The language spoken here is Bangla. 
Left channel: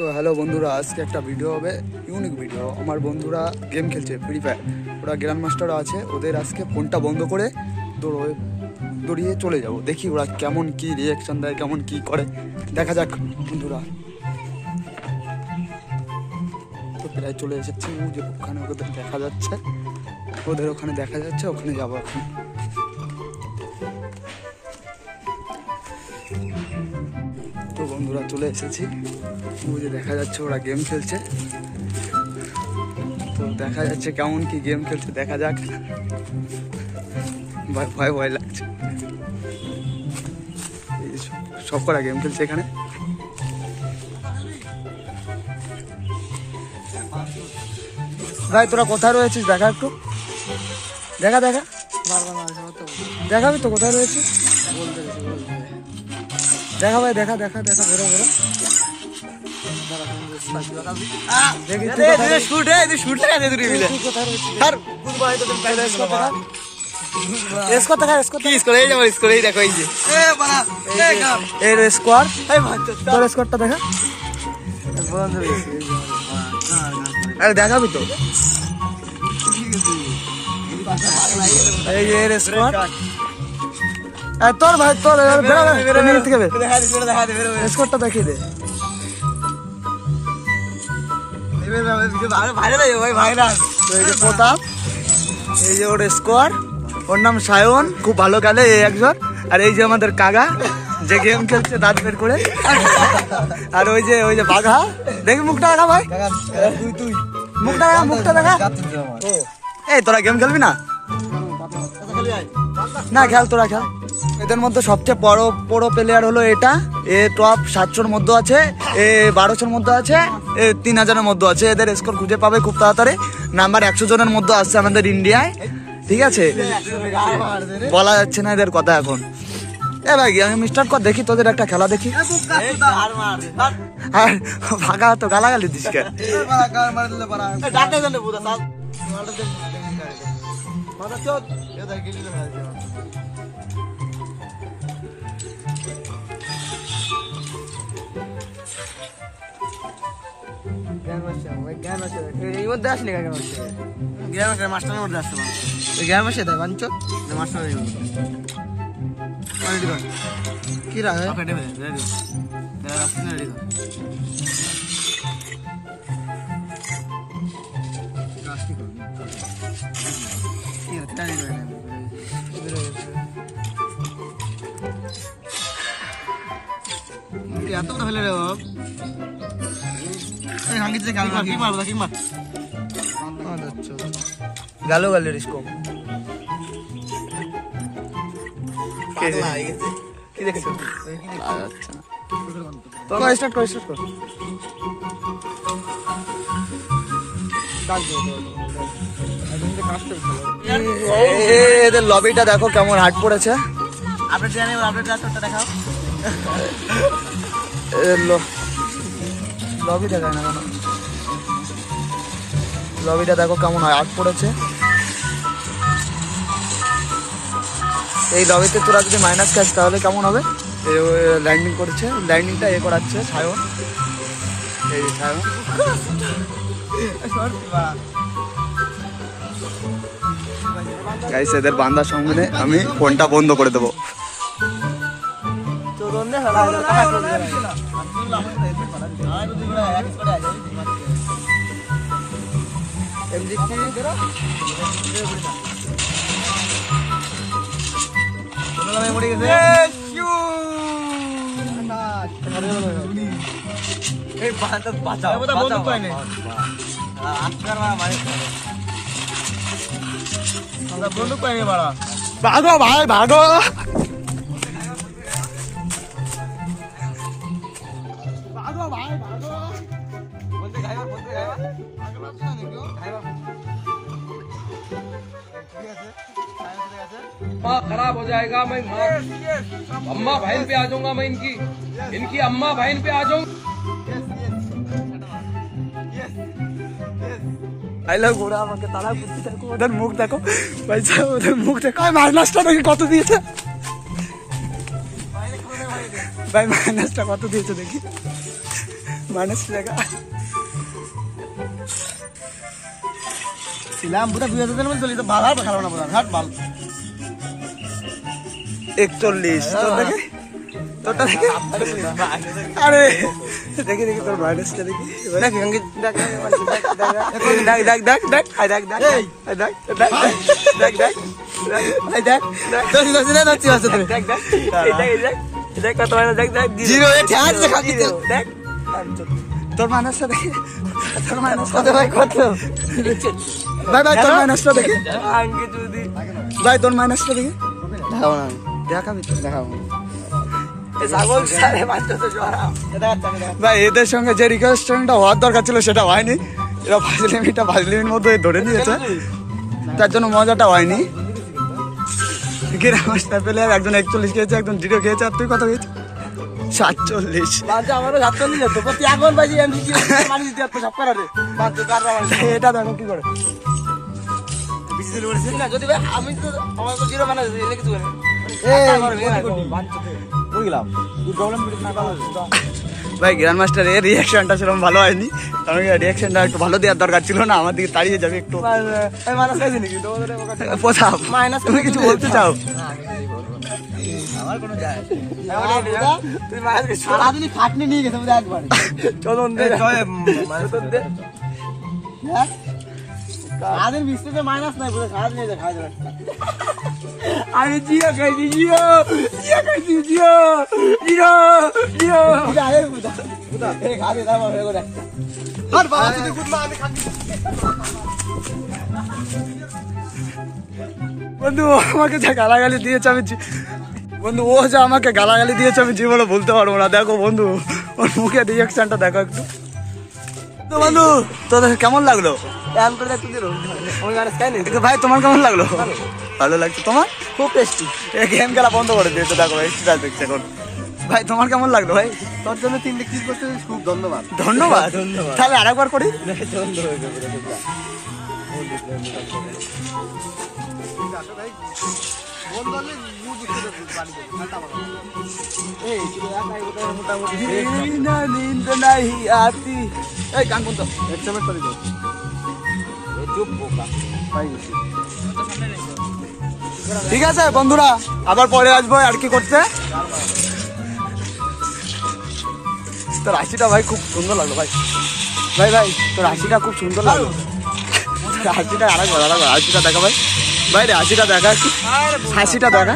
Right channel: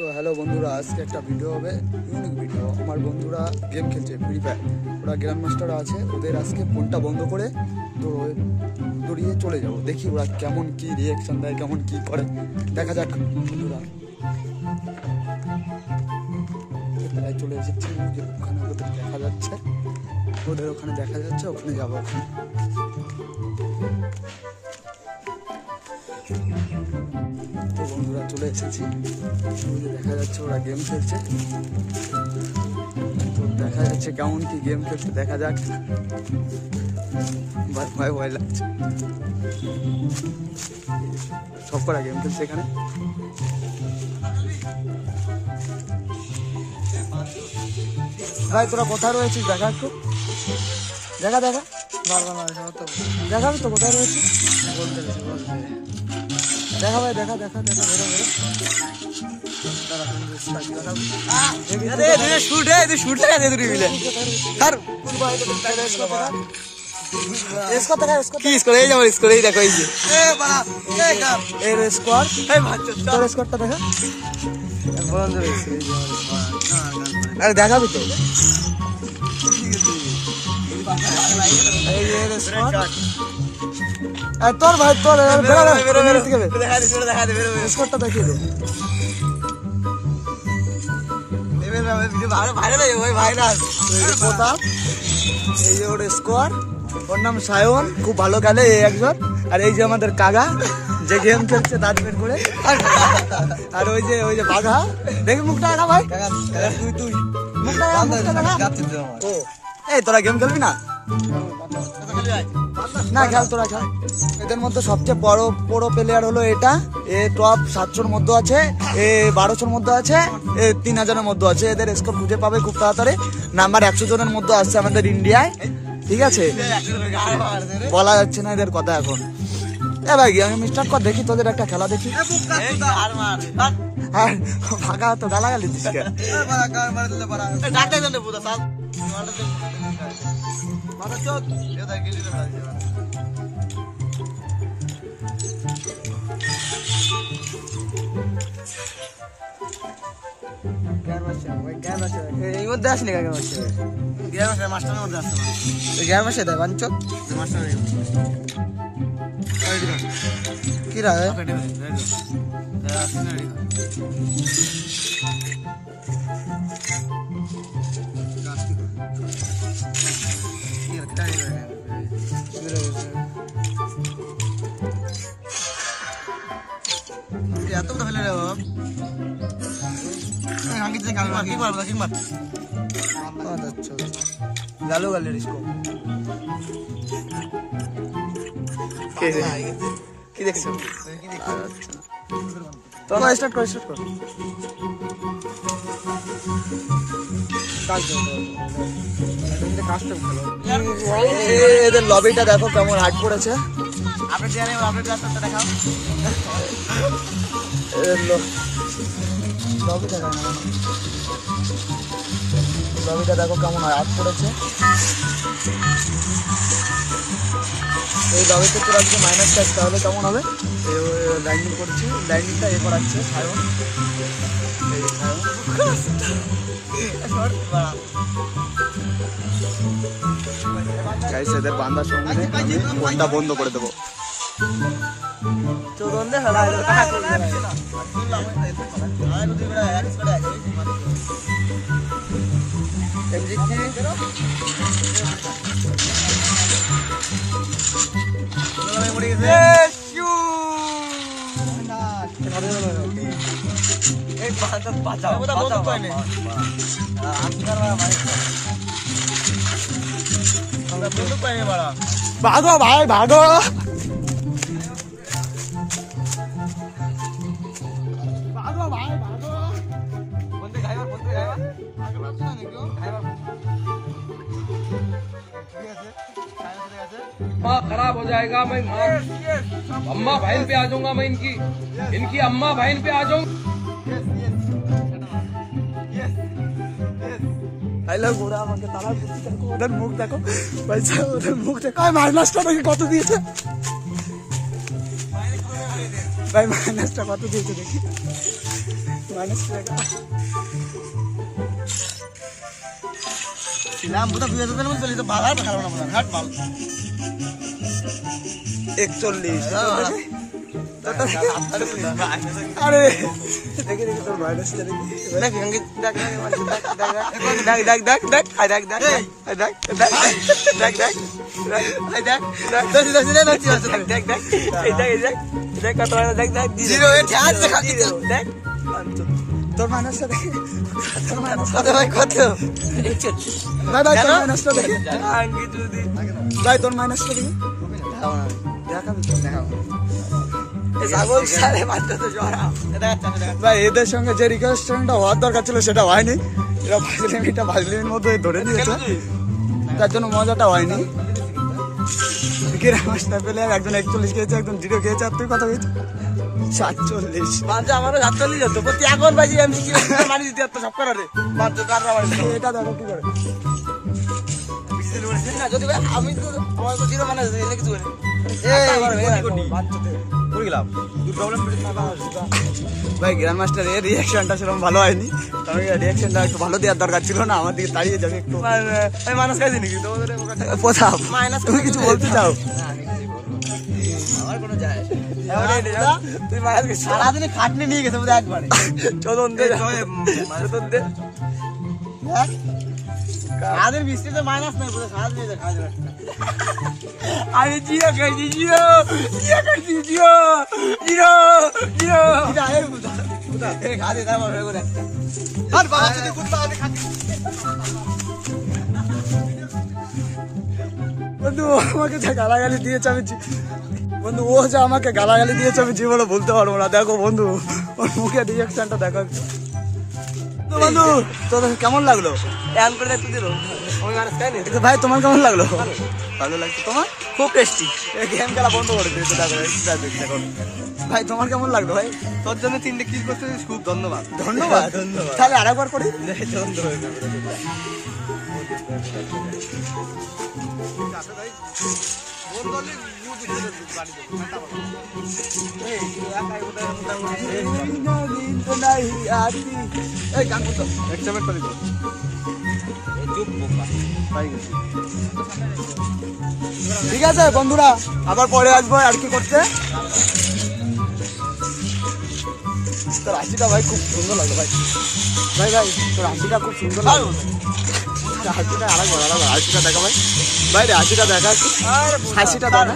তো হ্যালো বন্ধুরা, আজকে একটা ভিডিও হবে, ইউনিক ভিডিও। আমার বন্ধুরা গেম খেলছে ফ্রি ফায়ার, ওরা গ্র্যান্ড মাস্টার আছে। ওদের আজকে ফোনটা বন্ধ করে দৌড়িয়ে চলে যাব, দেখি ওরা কেমন কি রিয়াকশন দেয়, কেমন কি করে, দেখা যাক বন্ধুরা। তো প্রায় চলে এসেছি, যে ওখানে ওদের দেখা যাচ্ছে, ওখানে যাবো এখন। তো বন্ধুরা চলে এসেছি, যে দেখা যাচ্ছে ওরা গেম খেলছে। তো দেখা যাচ্ছে কেমন কি গেম খেলছে, দেখা যাক। ভয় ভয় লাগছে, সব করা গেম খেলছে এখানে। ভাই তোরা কোথায় রয়েছিস, দেখা একটু, দেখাবি তো কোথায় রয়েছিস, দেখা ভাই, দেখা বেরো দেখাবি তো, তোর ভাই তোর স্কোরটা দেখিয়ে দে। এই যে প্রতাপ, এই যে ওর স্কোয়ার, ওর নাম সায়ন, খুব ভালো খেলে এই একজন। আর এই যে আমাদের কাকা, যে গেম খেলছে দাঁত বের করে। আর ওই যে বাঘা, দেখি মুখটা দেখা ভাই, মুখটা দেখা। এই তোরা গেম খেলবি না? না খেল, তোরা খেল। এদের মধ্যে সবচেয়ে বড় প্লেয়ার হলো এটা, এ টপ 700-র মধ্যে আছে, এ 1200-র মধ্যে আছে, এ 3000-এর মধ্যে আছে। এদের স্কোর খুঁজে পাবে খুব তাড়াতাড়ি। নাম্বার 100 জনের মধ্যে আসছে আমাদের ইন্ডিয়ায়, ঠিক আছে? বলা যাচ্ছে না এদের কথা এখন। এ ভাই আমি স্টার্ট কর, দেখি তোদের একটা খেলা দেখি। আর ফাঁকা তো গালাগালি দিস কে? গালো গালের স্কোপ কি দেখছো? স্টার্ট কর। এদের লবিটা দেখো কেমন হার্ড পড়েছে। লবি দেখায় না কেন? লবিটা দেখো কেমন হার্ড পড়েছে। এই লবিতে তোরা যদি মাইনাস খাস তাহলে কেমন হবে? ল্যান্ডিং করেছে, ল্যান্ডিংটা করাচ্ছে সায়ন, এই সায়ন। গাইস এদের বান্দার সামনে আমি ফোনটা বন্ধ করে দেবো। ভাগো ভাই ভাগো, खराब हो जाएगा। मैं अम्मा बहन पे आ जाऊंगा, मैं इनकी अम्मा बहन पे आ जाऊंगा। ঘোড়া আমাকে তারা বুঝতে থাকো, ওদের মুখ দেখো ভাই, ওদের মুখ দেখো। মাইনাসটা নাকি কত দিয়েছে ভাই, মাইনাসটা কত দিয়েছে দেখি। माइनस रहेगा सिलाम बुता बिया तो में चली तो बाहर पे खाना बना हट माल 41 तो देखे तो देखे अरे देखे देखे तो माइनस चलेगी देख गंगे देख देख देख देख हाय देख देख देख देख देख देख देख देख देख देख कत देख देख जीरो ध्यान से खा देख তোর মাইনাসটা দেখে তোর মাইনাস কত ভাই কত ভাই ভাই তোর মাইনাসটা দেখে ভাই তোর মাইনাসটা দেখে দেখাও না দেখাবি তো দেখাও এই সাগর সারে মারতে তো জড়া ভাই এদের সঙ্গে যে রিকোয়েস্টটা হওয়ার দরকার ছিল সেটা হয়নি এরা 5 লিমিটের মধ্যে ধরে নিয়েছে তার জন্য মজাটা হয়নি গ্রামাস্টার পেলে একজন 41 খেয়েছে একজন 0 খেয়েছে আর তুই কত খেয়েছিস 47 বাচ্চা আমারও 47 হতো প্রতি এখন বাজি এমসি কি মানি দিতে তো সব করে রে বাচ্চা কার এটা দেখো কি করে বিজি দিলে বলছিস না যদি আমি তো আমার তো 0 বানাই দিই কিছু করে এই কোটি কই গেলাম কি প্রবলেম না ভাই গ্র্যান্ড মাস্টার এর রিঅ্যাকশনটা সেরকম ভালো হয়নি কারণ রিঅ্যাকশনটা একটু ভালো দেওয়ার দরকার ছিল না আমার দিকে তাড়িয়ে যাবে একটু এই মাইনাস খাইছি নাকি তোমাদের কথা মাইনাস তুমি কিছু বলতে চাও আমার কোনো যায় তুই মাইনাস সারাদিন খাটনি নিয়ে গেছে বুঝা একবারে চলন দে চলন দে সারাদিন বৃষ্টিতে মাইনাস নাই বুঝা সারাদিন নিয়ে যা খাওয়া যাবে আমি জিও খাইছি জিও খাইছি জিও জিও জিও যাই বুঝা বুঝা এই খাদে দাও রে গোটা আর বাবা তুই গুড আমি খাচ্ছি বন্ধু আমাকে যা গালাগালি দিয়েছে আমি বন্ধু ও যা আমাকে গালাগালি দিয়েছে আমি জীবনে বলতে পারবো না দেখো বন্ধু ওর মুখে রিঅ্যাকশনটা দেখো একটু তো বন্ধু তোদের কেমন লাগলো ভাই তোমার কেমন লাগলো ভালো লাগছে তোমার খুব টেস্টি গেম খেলা বন্ধ করে দিয়েছে দেখো এক্সট্রা দেখছে এখন ভাই তোমার কেমন লাগলো ভাই তোর জন্য 3 ক্লিক করতে খুব ধন্যবাদ ধন্যবাদ ধন্যবাদ তাহলে আরেকবার করি ঠিক আছে বন্ধুরা আবার পরে আসবো আর কি করতে তোর হাসিটা ভাই খুব সুন্দর লাগলো ভাই ভাই ভাই তোর হাসিটা খুব সুন্দর লাগলো হাসিটা আরেকবার হাসিটা দেখা ভাই ভাই রে হাসিটা দেখা একটু হাসিটা দেখা